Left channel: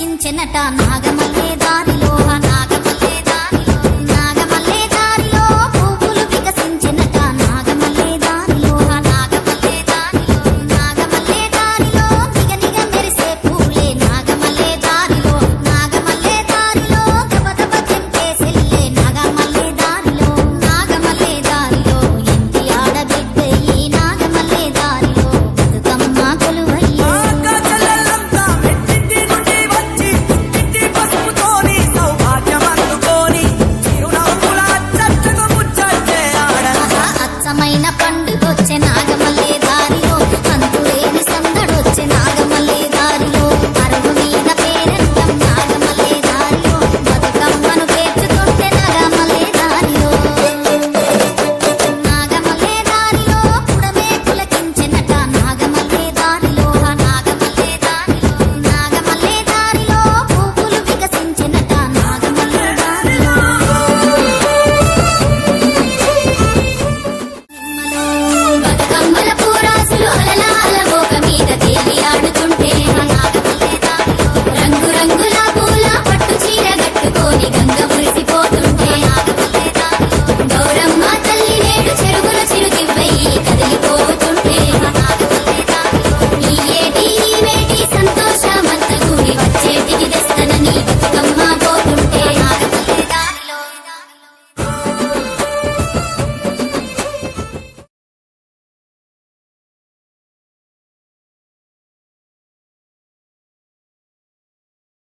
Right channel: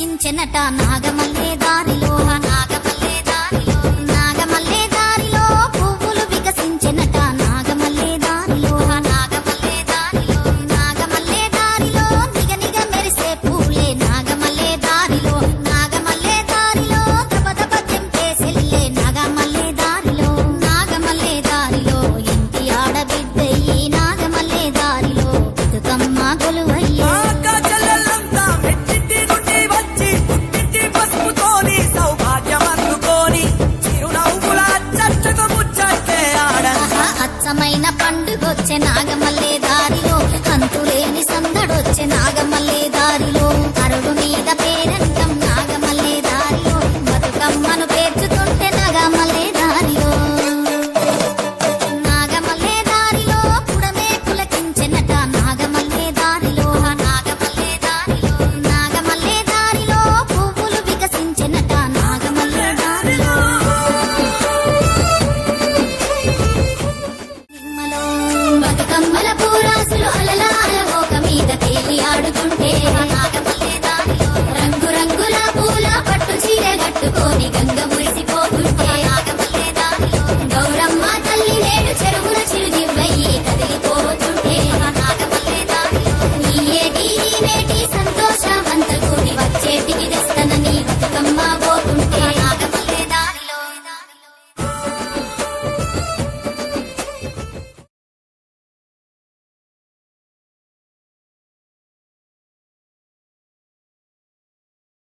వికసించెనట నాగమల్లే దారిలో నాగమల్లే దారిలో పువ్వులు వికసించెనట నాగమల్లే దారిలో నాగమల్లే దారిలో నిగనిగ మెరిసే పూలే నాగమల్లే దారిలో దబ దబ తెంపే సెల్లే నాగమల్లే దారిలో ఇంటి ఆడబిడ్డయ్యి నాగమల్లే దారిలో బతుకమ్మ కొలువయ్యే అచ్చమైన పండుగొచ్చే నాగమల్లే